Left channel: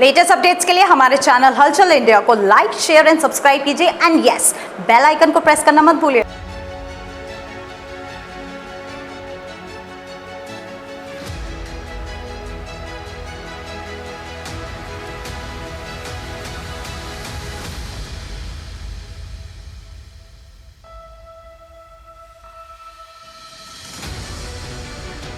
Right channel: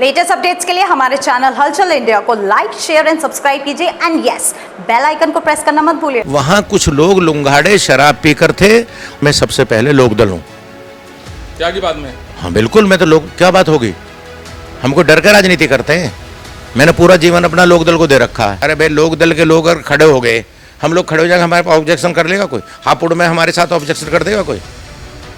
Latest updates के लिए हमारे चैनल हलचल इंडिया को लाइक, शेयर एंड सब्सक्राइब कीजिए एंड यस, बेल आइकन को प्रेस करना मत भूलिए। वहाँ कुछ लोग लुंगाड़े शराब पीकर थे। मैं सबसे पहले लोकदल हूँ। क्या की बात में? हाँ बिल्कुल, मैं तो लोग क्या बात होगी, हमको डर के राजनीति करते हैं। मैंने पूरा जीवन अपना लोकदल को दे रखा है। अरे भाई, लोकदल के लोग अगर खड़े हो गए, हम लोग खड़े हो जाएंगे, हमारे पास ऑब्जेक्शन कर लेगा कोई? हापुड़ में हमारे साथ ऑब्जेक्शन कर देगा कोई?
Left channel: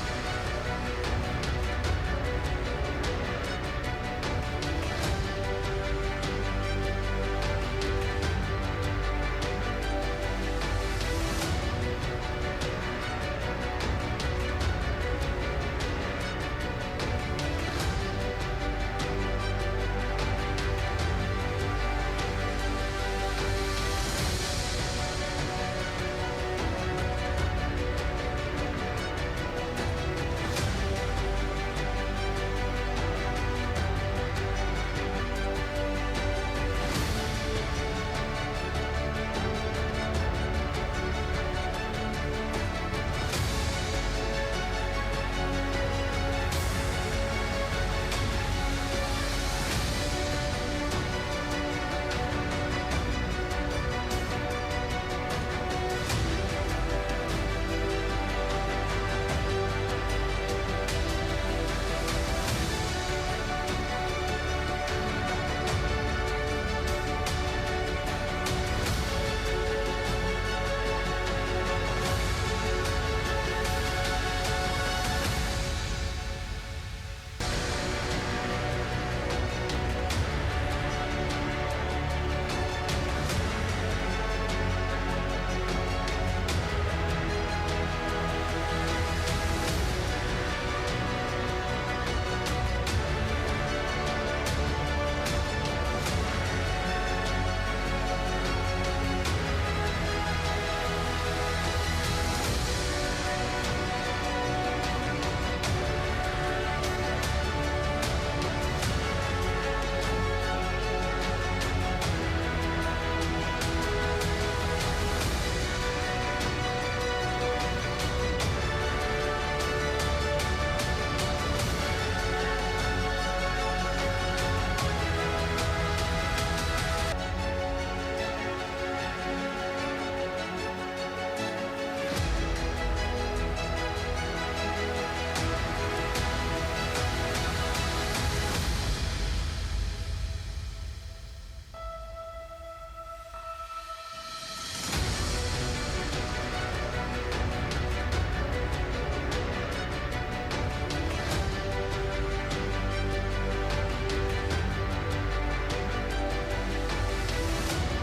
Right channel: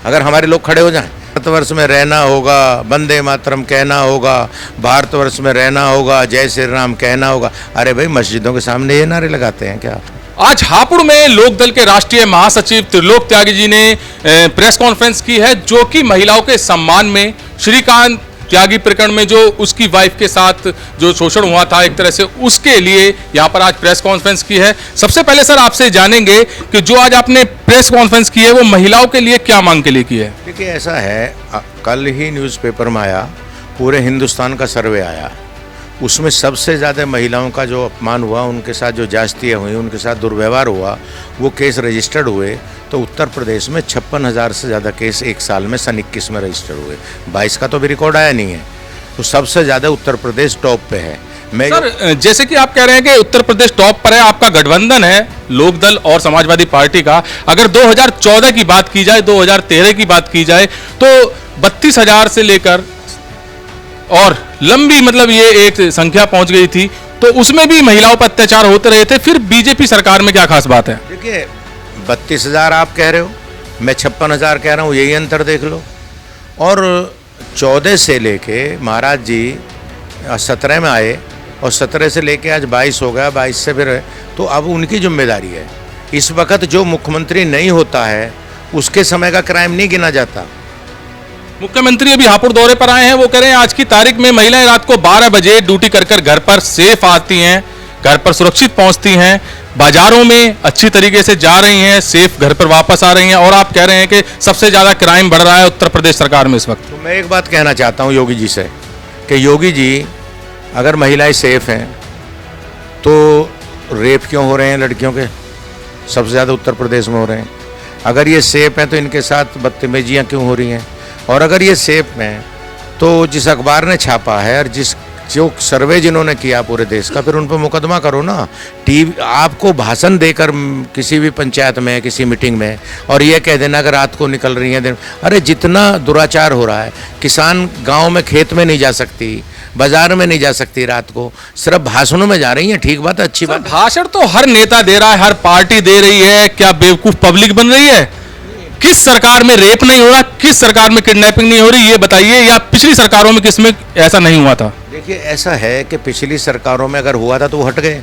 अगर हमारे लोग खड़े हो जाएं, भारतवर्ष में रहना होगा, वंदे मातरम कहना होगा, भारतवर्ष में रहना होगा, जय श्री राम कहना होगा। अरे भाई, मस्जिदों के सामने ये नारे लगाते हैं क्या? आज हापुड़ में लोकदल के राष्ट्रीय महासचिव त्रिलोक त्यागी जी ने प्रेस कॉन्फ्रेंस की है, जो कि महिलाओं के सम्मान में श्रीकांत त्यागी प्रकरण में जो उसकी वाइफ के साथ जो शोषण हुआ था, एक तरह से उसके लिए यहाँ पर आज प्रेस कॉन्फ्रेंस की है। सबसे पहले सर आपसे जानेंगे कि जो आज आपने प्रेस कॉन्फ्रेंस की है वो महिलाओं के लिए क्या मांग के लिए की है? देखिए, ऐसा है, कल ही न्यूज़पेपर में आया, पूरे हिंदुस्तान का सर्वे आया, उसमें सबसे ज़्यादा महिलाओं का जो अपमान हुआ, उनके साथ जो जास्तियाँ हुई, उनके साथ दुर्व्यवहार हुआ, वो केस रजिस्टर्ड हुए। तो उत्तर प्रदेश में 56,000 से ज़्यादा केस एक साल में सन 21 में रजिस्टर हुए। 22 का तो भी रिकॉर्ड आया नहीं है। तो सबसे ज़्यादा उत्तर प्रदेश टॉप पे है। मैं सर, जैसे कि आप कह रहे हैं कि उत्तर प्रदेश टॉप पर है, आपका गठबंधन है लोकदल और समाजवादी पार्टी का। अगर 2014 की बात की जाए, 2013 की बात की जाए, तो 32,000 से लेकर और लंबी मतलब ये एक संख्या पहुंच गई थी, तो उसमें भी महिलाओं पर अत्याचार होते रहे थे। फिर बीजेपी सरकार में क्या खास बात है? देखिए, 32,000 आप कह रहे हो, मैं 56,000 कह रहा हूँ, यही अंतर देख लो। और 14 से लेके महाराज जी 17 में आए और 17 से लेके आज 22 हो गया, 22 से फिर, तो अब उनकी जिम्मेदारी है। इस वक्त जो मुख्यमंत्री नहीं होता है, उसके समय का क्राइम नहीं गिना जाता। मुख्यमंत्री अभी हापुड़ दौरे पर आए हैं, वो कह रहे हैं आज की तारीख में महिलाएं रात को 12 बजे ड्यूटी कर घर पर सेफ आती हैं, घर पर सुरक्षित पहुंचती हैं, बाजारों में अच्छी तरीके से जा रही हैं, सेफ घर पर वापस आ रही हैं। और आप कह रहे हैं कि सबसे ज्यादा क्राइम बढ़ रहा है उत्तर प्रदेश सरकार में इस वक्त। तो मैं एक बात कहना चाहता हूं योगी जी से कि योगी जी, अगर महिलाएं सेफ हैं तो रेप क्यों हो रहे हैं लड़कियों के? सबसे ज़्यादा उत्तर प्रदेश में हो रहे हैं। अगर ये सेफ हैं तो इनके साथ बदतमीजियाँ क्यों हो रही हैं? और अगर ये सेफ हैं तो जिस अखबार ने छापा है और जो सर्वे जिन्होंने किया पूरे देश का, फिर उन पर मुकदमा करो ना। टीवी आपको भाषण देकर किसी भी पंचायत में, किसी मीटिंग में, और ये कह देना कि रात को निकल रही हैं दिन। अरे जितना दुराचार हो रहा है, किसान गांव में खेत में नहीं जा सकती, बाजार में नहीं जा सकती रात को, सिर्फ भाषणों में जा रही हैं। ठीक बात है, अच्छी बात। भाषण तो हर नेता दे रहा है, हर पार्टी दे रही है, क्या बेवकूफ पब्लिक बन रही है? किस सरकार में रेप नहीं हो रहा, किस सरकार में किडनैपिंग नहीं हो रही, ये बताइए। या पिछली सरकारों में किसमें ऐसा नहीं हुआ था? देखिए, ऐसा है कि पिछली सरकारों में अगर हुआ था तो वो हट गए,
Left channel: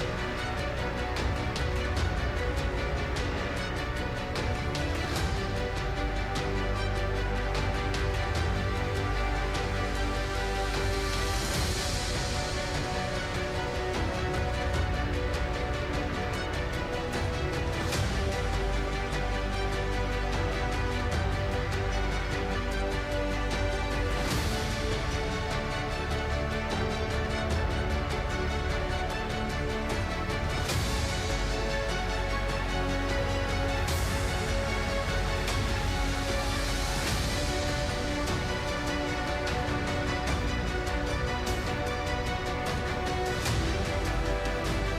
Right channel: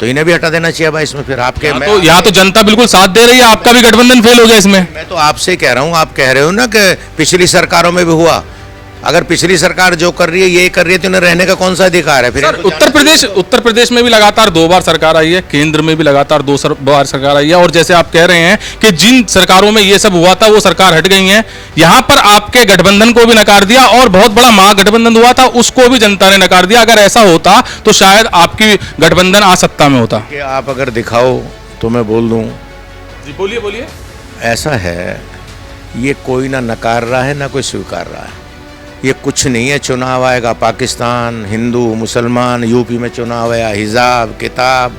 तो इन्हें भी हटा देना चाहिए भाई इसमें। फिर आपके यहाँ तो जनता बिल्कुल साथ दे रही है, आपका भी गठबंधन फेल हो गया इसमें। मैं तो आपसे कह रहा हूँ, आप कह रहे हो ना कि पिछली सरकारों में भी हुआ। अगर पिछली सरकार जो कर रही है, ये कर रही है, तो उन्हें रहने का कौन सा अधिकार है? फिर उत्तर प्रदेश में भी लगातार 2 बार सरकार आई है, केंद्र में भी लगातार 2 बार सरकार आई है। और जैसे आप कह रहे हैं कि जिन सरकारों में ये सब हुआ था वो सरकार हट गई है, यहाँ पर आपके गठबंधन को भी नकार दिया और बहुत बड़ा महागठबंधन हुआ था उसको भी जनता ने नकार दिया। अगर ऐसा होता तो शायद आपकी गठबंधन आज सत्ता में होता। आप अगर दिखाओ तो मैं बोल दूं। बोलिए बोलिए। ऐसा है, ये कोई ना नकार रहा है ना कोई स्वीकार रहा है। ये कुछ नहीं है। चुनाव आएगा, पाकिस्तान, हिंदू मुसलमान, यूपी में चुनाव आया, हिजाब किताब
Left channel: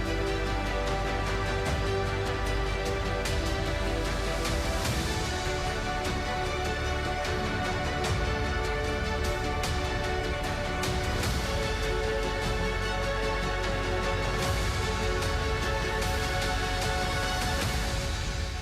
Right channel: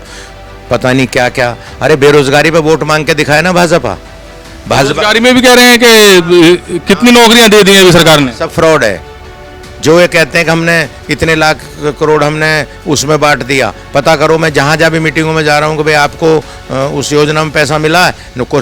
पता नहीं क्या क्या। अरे बेरोजगारी पे वोट मांग के दिखाया ना भाजपा। बेरोजगारी में भी कह रहे हैं कि कितनी नौकरियां दे दी हैं अभी सरकार ने। सब फ्रॉड है। जो ये कहते हैं कि हमने इतने लाख करोड़ हमने उसमें बांट दिया, पता करो। मैं जहाँ जहाँ भी मीटिंगों में जा रहा हूँ कि भाई आपको उस योजना में पैसा मिला है,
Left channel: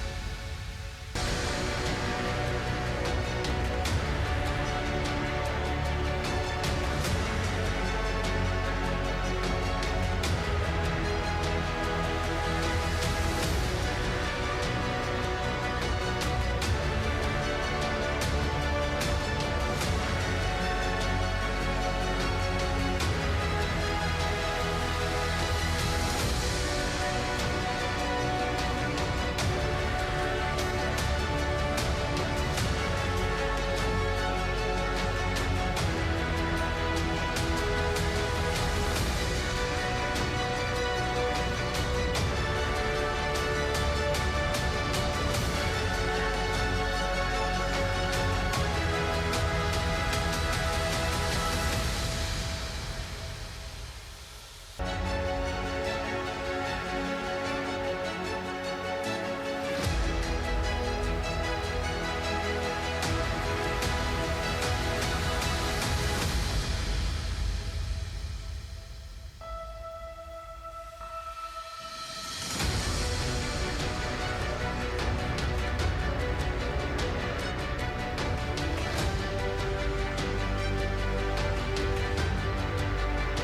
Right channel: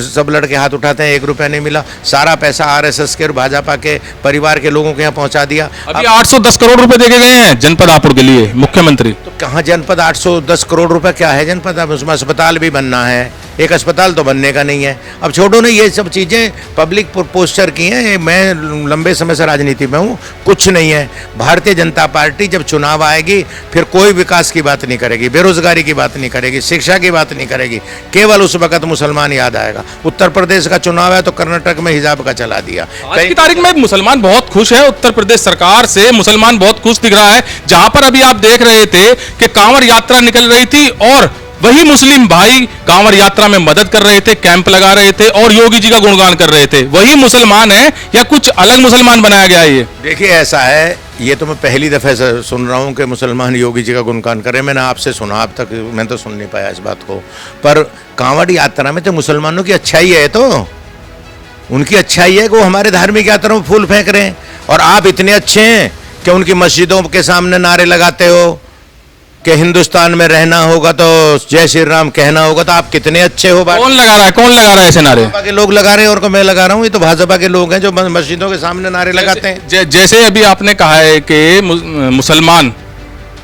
सब लड़के हाथ उठाते हैं, 1 रुपया नहीं मिला। सारा पैसा आरएसएस के और भाजपा के परिवार के लोगों के यहाँ पहुँचा दिया। अभी 810 करोड़ रुपए देके गए हैं जनपद हापुड़ के लिए मुख्यमंत्री। तो कहाँ जनपद 810 करोड़ रुपए क्या है जनपद? अब उसमें अस्पताल भी बनना है, एक अस्पताल तो बनने का नहीं है। अब छोड़ो ना, ये सब चीज़ें पब्लिक पोस्टर की हैं। मैं लंबे समय से राजनीति में हूँ, कुछ नहीं है। भारतीय जनता पार्टी जब चुनाव आएगी फिर कोई विकास की बात नहीं करेगी, बेरोजगारी की बात नहीं करेगी, शिक्षा की बात नहीं करेगी, केवल उस वक्त मुसलमान याद आएगा। उत्तर प्रदेश का चुनाव है तो कर्नाटक में हिजाब का चला दिया। आज की तारीख में मुसलमान बहुत खुश है, उत्तर प्रदेश सरकार से मुसलमान बहुत खुश दिख रहा है। जहां पर अभी आप देख रहे थे कि कांवड़ यात्रा निकल रही थी और वही मुस्लिम भाई कांवड़ यात्रा में मदद कर रहे थे, कैंप लगा रहे थे और योगी जी का गुणगान कर रहे थे। वही मुसलमान है या कुछ अलग मुसलमान बनाया गया है? ये देखिए ऐसा है, ये तो मैं पहली दफे से सुन रहा हूँ कि मुसलमान योगी जी का गुणगान करे। मैंने आपसे सुना, अब तक मैं तो सुन नहीं पाया इस बात को। पर कांवड़ यात्रा में तो मुसलमानों की अच्छाई है, तो उनकी अच्छाई है कि वो हमारे धार्मिक यात्रा में फूल फेंक रहे हैं। और आप इतने अच्छे हैं कि उनकी मस्जिदों के सामने नारे लगाते हो कि हिंदुस्तान में रहना होगा तो जय श्री राम कहना होगा। तो आप कितने अच्छे हो। कौन लगा रहा है, कौन लगा रहा है ऐसे नारे? भाजपा के लोग लगा रहे हैं और को मैं लगा रहा हूँ। ये तो भाजपा के लोग हैं जो मस्जिदों के सामने नारे लगाते हैं। जैसे अभी आपने कहा है कि मुसलमान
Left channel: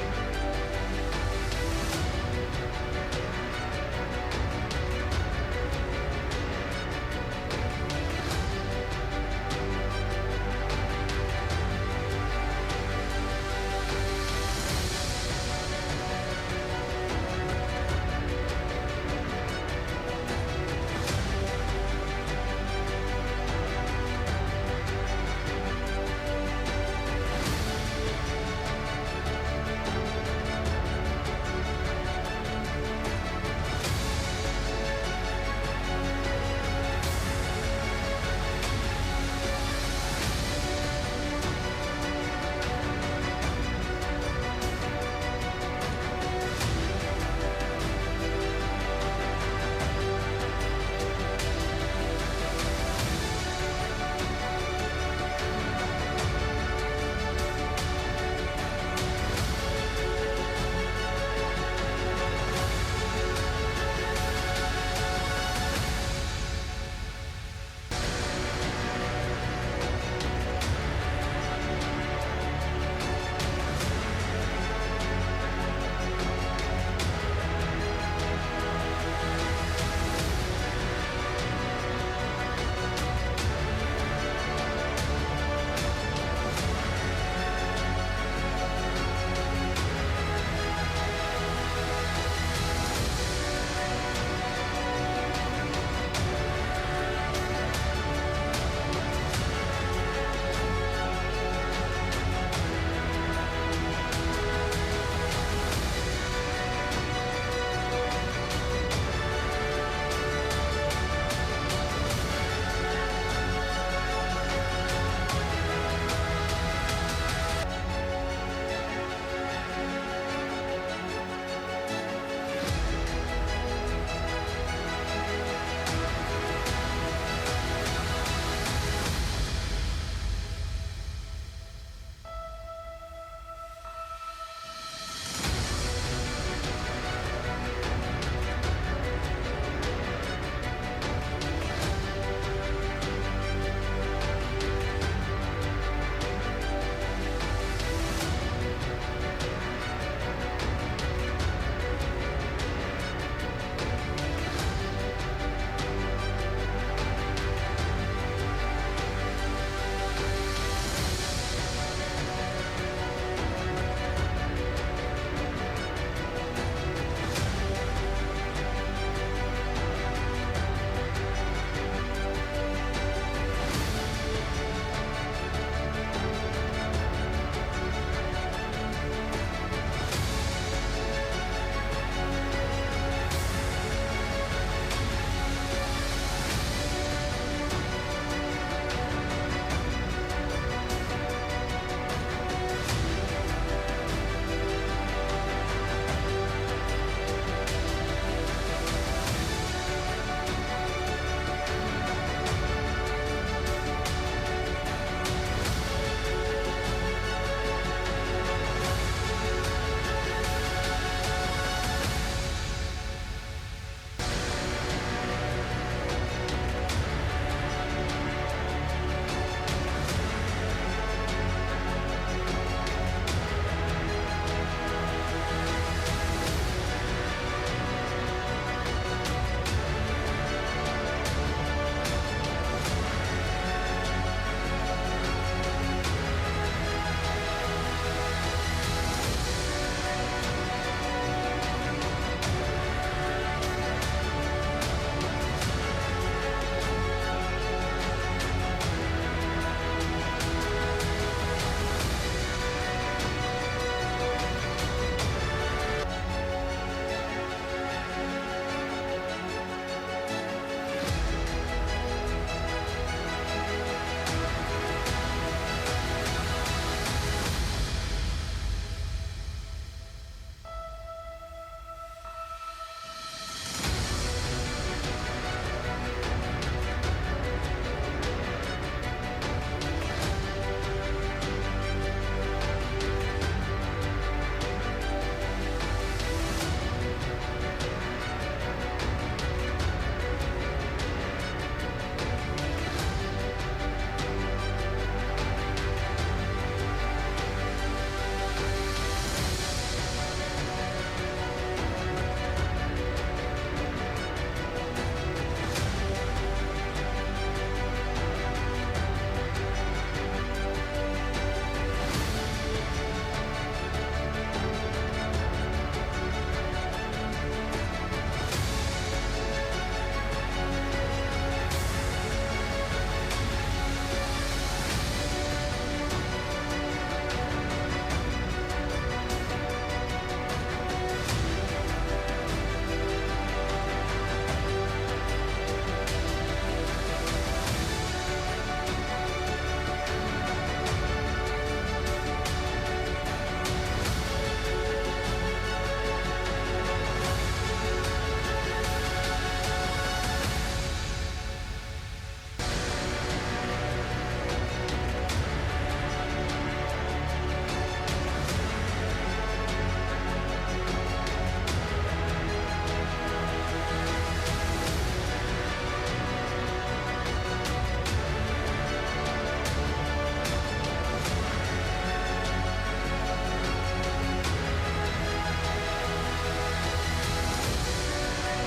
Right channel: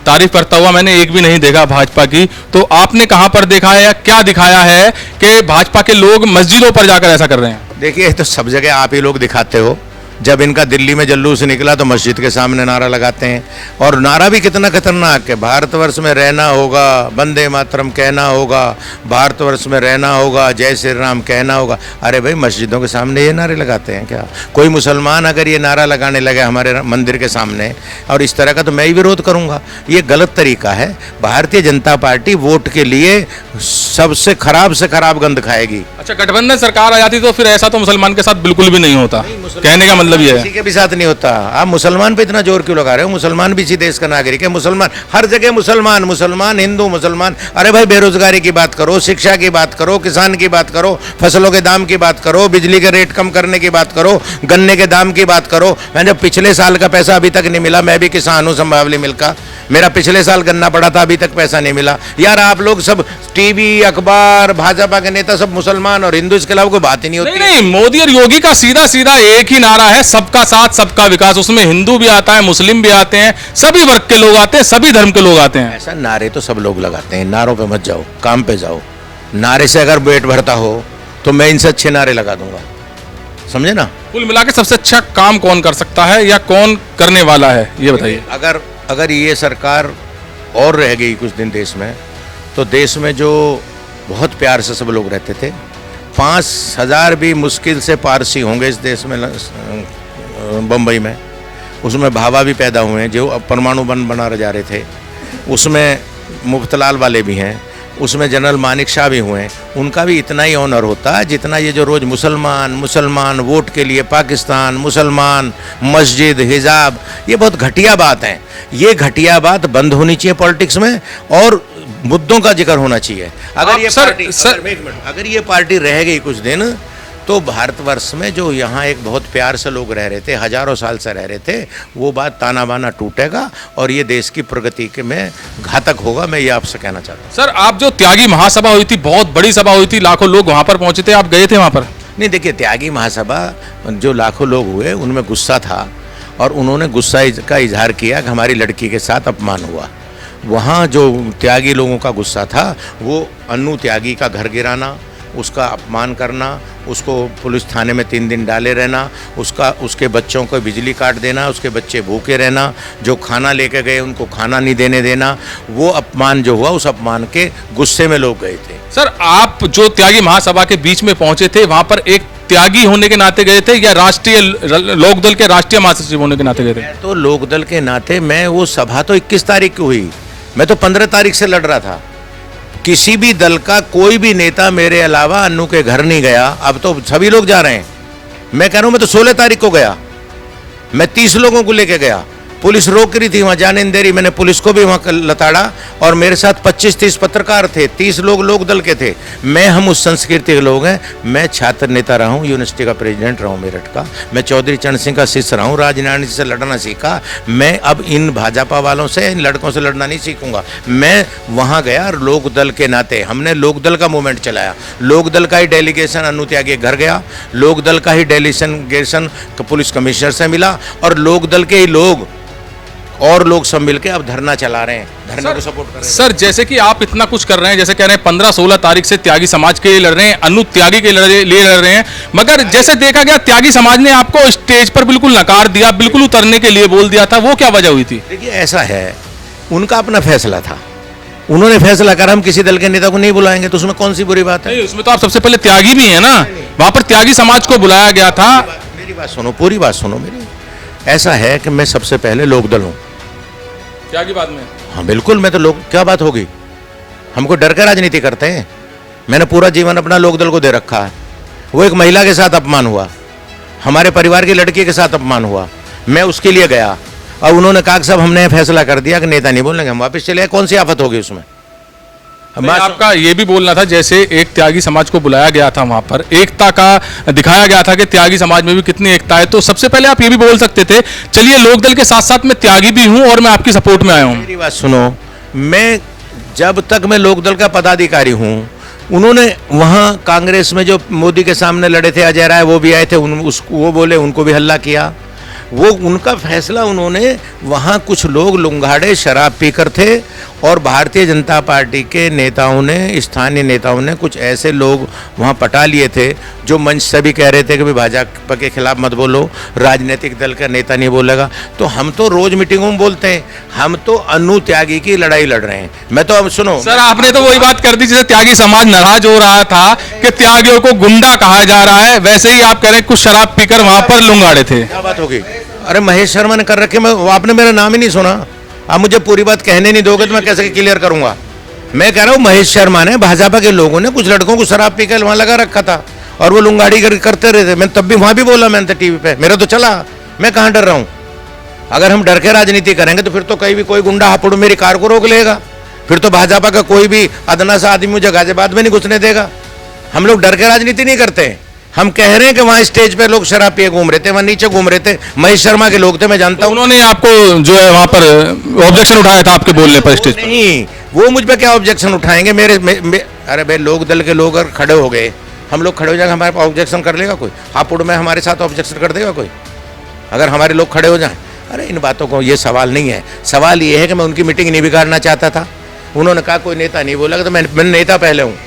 तारीफ करता हुआ मैंने एक भी नहीं देखा भाजपा की, तो आपने कहां पर देखा है या क्या दिखाया है कि भाजपा के लोग मस्जिदों पर जाकर ऐसा कर रहे हैं? देखिए तो सब जगह आप ही लोग दिखाते हो। जब इनका दिल्ली में जुलूस निकला तो मस्जिद के सामने नारा लगाते हैं, और नारा भी कितना खतरनाक है। भारतवर्ष में रहना होगा, वंदे मातरम कहना होगा, भारतवर्ष में रहना होगा, जय श्री राम कहना होगा। अरे भाई मस्जिदों के सामने ये नारे लगाते हैं क्या? कोई मुसलमान अगर ये नारा लगाने लगे हमारे मंदिर के सामने और इस तरह का, तो मैं ही विरोध करूंगा। ये गलत तरीका है। भारतीय जनता पार्टी वोट के लिए सबसे खराब से खराब गंद खाएगी। अच्छा, गठबंधन सरकार आ जाती तो फिर ऐसा तो मुसलमान के साथ बिल्कुल भी नहीं होता, कहने का मतलब ये है। किसी के भी साथ नहीं होता। आप मुसलमान पे इतना जोर क्यों लगा रहे हो? मुसलमान भी इसी देश का नागरिक है। मुसलमान हर जगह मुसलमान, मुसलमान हिंदू मुसलमान। अरे भाई बेरोजगारी की बात करो, शिक्षा की बात करो, किसान की बात करो, फसलों के दाम की बात करो, बिजली के रेट कम करने की बात करो, गन्ने के दाम की बात करो। मैंने पिछले साल का पैसा अभी तक नहीं मिला। मैं भी किसान हूँ संभावली मिल का। मेरा पिछले साल गन्ना पड़ा था, अभी तक पैसा नहीं मिला। यार आप लोग सब टीवी, अखबार, भाजपा के नेता सब मुसलमान और हिंदू, इसके अलावा कोई बात ही नहीं होती। नहीं, मोदी और योगी का सीधा सीधा एक ही नारा है, सबका साथ सबका विकास। उसमें हिंदू भी आता है, मुस्लिम भी आते हैं, सभी वर्ग के लोग आते हैं, सभी धर्म के लोग आते हैं। ऐसा नारे तो सब लोग लगाते हैं। नारों पे मत जाओ, काम पे जाओ। नारे से अगर पेट भरता हो तो मैं इनसे अच्छे नारे लगा दूंगा, समझे ना? कुल मिला के सबसे अच्छा काम कौन कर सकता है या कौन करने वाला है, ये बताइए। अगर ये सरकार और रह गई कुछ दिन देश में, तो देश में जो बहुत प्यार से सब लोग रहते थे, 5,000 भी मुश्किल से पारसी होंगे इस देश में, बम्बई में। उसमें भाभा भी पैदा हुए हैं जो अब परमाणु बम बना जा रहे थे। उसमें मुफ्तलाल वाले भी हैं, उसमें जनरल मानिक शाह भी हुए हैं। उनका भी इतना ही ऑनर होता है जितना ये जो रोज़ मुसलमान वोट के लिए पाकिस्तान, मुसलमान, मस्जिद, हिजाब, ये बहुत घटिया बात है। ये घटिया बात बंद होनी चाहिए पॉलिटिक्स में, और मुद्दों का जिक्र होना चाहिए। अगर ये पार्टी रह गई कुछ दिन, तो भारतवर्ष में जो यहाँ एक बहुत प्यार से लोग रह रहे थे, हजारों साल से रह रहे थे, वो बात ताना बाना टूटेगा और ये देश की प्रगति के में घातक होगा। मैं ये आपसे कहना चाहता हूँ। सर, आप जो त्यागी महासभा हुई थी, बहुत बड़ी सभा हुई थी, लाखों लोग वहां पर पहुंचे थे, आप गए थे वहां पर? नहीं, देखिए त्यागी महासभा जो लाखों लोग हुए उनमें गुस्सा था, और उन्होंने गुस्सा का इजहार किया कि हमारी लड़की के साथ अपमान हुआ। वहाँ जो त्यागी लोगों का गुस्सा था वो अन्नू त्यागी का घर गिराना, उसका अपमान करना, उसको पुलिस थाने में 3 दिन डाले रहना, उसके बच्चों को बिजली काट देना, उसके बच्चे भूखे रहना, जो खाना लेके गए उनको खाना नहीं देने देना, वो अपमान जो हुआ, उस अपमान के गुस्से में लोग गए थे। सर, आप जो त्यागी महासभा के बीच में पहुंचे थे, वहां पर एक त्यागी होने के नाते गए थे या राष्ट्रीय लोकदल के राष्ट्रीय महासचिव होने के नाते गए थे? तो लोकदल के नाते मैं, वो सभा तो 21 तारीख को हुई, मैं तो 15 तारीख से लड़ रहा था। किसी भी दल का कोई भी नेता मेरे अलावा अन्नू के घर नहीं गया। अब तो सभी लोग जा रहे हैं। मैं कह रहा हूं, मैं तो 16 तारीख को गया, मैं 30 लोगों को लेके गया। पुलिस रोक रही थी, वहां जाने नहीं दे रही, मैंने पुलिस को भी वहां लताड़ा, और मेरे साथ 25-30 पत्रकार थे, 30 लोग लोकदल के थे। हम उस संस्कृति के लोग हैं। मैं छात्र नेता रहा हूँ, यूनिवर्सिटी का प्रेसिडेंट रहा हूँ मेरठ का। मैं चौधरी चरण सिंह का शिष्य रहा हूँ, राजनीति से लड़ना सीखा। मैं अब इन भाजपा वालों से, इन लड़कों से लड़ना नहीं सीखूंगा। मैं वहाँ गया लोकदल के नाते, हमने लोकदल का मूवमेंट चलाया। लोकदल का ही डेलीगेशन अन्नू त्यागी के घर गया, लोकदल का ही डेलीगेशन पुलिस कमिश्नर से मिला, और लोकदल के ही लोग और लोग सब मिलके अब धरना चला रहे हैं, धरने को सपोर्ट कर रहे हैं। सर, जैसे कि आप इतना कुछ कर रहे हैं, जैसे कह रहे हैं 15-16 तारीख से त्यागी समाज के लिए लड़ रहे हैं, अन्नू त्यागी के लिए लड़ रहे हैं, मगर जैसे देखा गया त्यागी समाज ने आपको स्टेज पर बिल्कुल नकार दिया, बिल्कुल उतरने के लिए बोल दिया था, वो क्या वजह हुई थी? देखिए ऐसा है, उनका अपना फैसला था, उन्होंने फैसला करा हम किसी दल के नेता को नहीं बुलाएंगे, तो उसमें कौन सी बुरी बात है? नहीं, उसमें तो आप सबसे पहले त्यागी भी है ना, वहां पर त्यागी समाज को बुलाया गया था। मेरी बात सुनो, पूरी बात सुनो मेरी। ऐसा है कि मैं सबसे पहले लोकदल हूँ, त्यागी बाद में। हाँ बिल्कुल, मैं तो लोग, क्या बात होगी? हमको डर के राजनीति करते हैं। मैंने पूरा जीवन अपना लोकदल को दे रखा है। वो एक महिला के साथ अपमान हुआ, हमारे परिवार की लड़की के साथ अपमान हुआ, मैं उसके लिए गया और उन्होंने कहा कि साहब हमने फैसला कर दिया कि नेता नहीं बोलेंगे, हम वापस चले गए। कौन सी आफत होगी उसमें? आपका ये भी बोलना था जैसे एक त्यागी समाज को बुलाया गया था, वहां पर एकता का दिखाया गया था कि त्यागी समाज में भी कितनी एकता है, तो सबसे पहले आप ये भी बोल सकते थे चलिए लोकदल के साथ साथ मैं त्यागी भी हूं और मैं आपकी सपोर्ट में आया हूं। मेरी बात सुनो, मैं जब तक मैं लोकदल का पदाधिकारी हूं, उन्होंने वहां कांग्रेस में जो मोदी के सामने लड़े थे, अजय राय वो भी आए थे, वो बोले, उनको भी हल्ला किया। वो उनका फैसला, उन्होंने वहां कुछ लोग लुंगाड़े शराब पीकर थे और भारतीय जनता पार्टी के नेताओं ने, स्थानीय नेताओं ने कुछ ऐसे लोग वहां पटा लिए थे जो मंच से भी कह रहे थे कि भाई भाजपा के खिलाफ मत बोलो, राजनीतिक दल का नेता नहीं बोलेगा। तो हम तो रोज मीटिंगों में बोलते हैं, हम तो अनु त्यागी की लड़ाई लड़ रहे हैं। मैं तो अब सुनो सर, आपने तो वही बात कर दी जिसे त्यागी समाज नाराज हो रहा था कि त्यागियों को गुंडा कहा जा रहा है, वैसे ही आप कह रहे हैं कुछ शराब पीकर वहां पर लुंगाड़े थे। क्या बात होगी? अरे महेश शर्मा ने कर रखे, मैं आपने मेरा नाम ही नहीं सुना। आप मुझे पूरी बात कहने नहीं दोगे तो मैं कैसे क्लियर करूंगा? मैं कह रहा हूँ महेश शर्मा ने, भाजपा के लोगों ने कुछ लड़कों को शराब पीकर वहां लगा रखा था और वो लुंगाड़ी करते रहे थे। मैं तब भी वहां भी बोला, मैंने टीवी पे, मेरा तो चला। मैं कहाँ डर रहा हूँ? अगर हम डर के राजनीति करेंगे तो फिर तो कहीं भी कोई गुंडा हापुड़ मेरी कार को रोक लेगा, फिर तो भाजपा का कोई भी अदना सा आदमी मुझे गाजियाबाद में नहीं घुसने देगा। हम लोग डर के राजनीति नहीं करते। हम कह रहे हैं कि वहां स्टेज पे लोग शराब पिए घूम रहे थे, वहां नीचे घूम रहे थे, महेश शर्मा के लोग थे, मैं जानता हूं। उन्होंने आपको जो है वहां पर ऑब्जेक्शन उठाया था आपके बोलने पर स्टेज? नहीं, वो मुझ पे क्या ऑब्जेक्शन उठाएंगे? अरे भाई लोक दल के लोग अगर खड़े हो गए, हम लोग खड़े हो जाएंगे, हमारे पास ऑब्जेक्शन कर लेगा कोई? हापुड़ में हमारे साथ ऑब्जेक्शन कर देगा कोई अगर हमारे लोग खड़े हो जाए? अरे इन बातों को, ये सवाल नहीं है। सवाल ये है कि मैं उनकी मीटिंग नहीं बिगाड़ना चाहता था। उन्होंने कहा कोई नेता नहीं बोला तो मैं नेता पहले हूँ।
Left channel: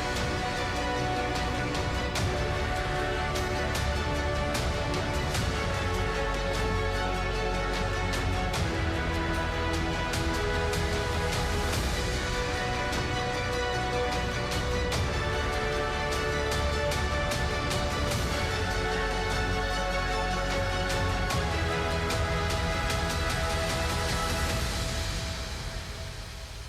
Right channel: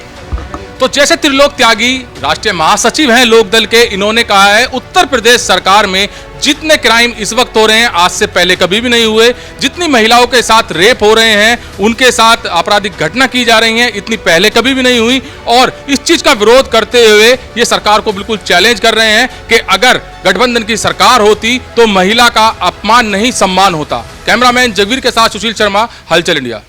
तो जैसे त्रिलोक त्यागी राष्ट्रीय महासचिव हैं लोकदल के, इन्होंने कहा है उत्तर प्रदेश सरकार में जितने क्राइम इस वक्त हो रहे हैं आज से पहले कभी भी नहीं हुए, जितनी महिलाओं के साथ रेप हो रहे हैं, उनके साथ आपराधिक घटना की जा रही हैं, इतनी पहले कभी भी नहीं हुई। और इस चीज का विरोध करते हुए ये सरकार को बिल्कुल चैलेंज कर रहे हैं कि अगर गठबंधन की सरकार होती तो महिला का अपमान नहीं सम्मान होता। कैमरामैन जगवीर के साथ सुशील शर्मा, हलचल इंडिया।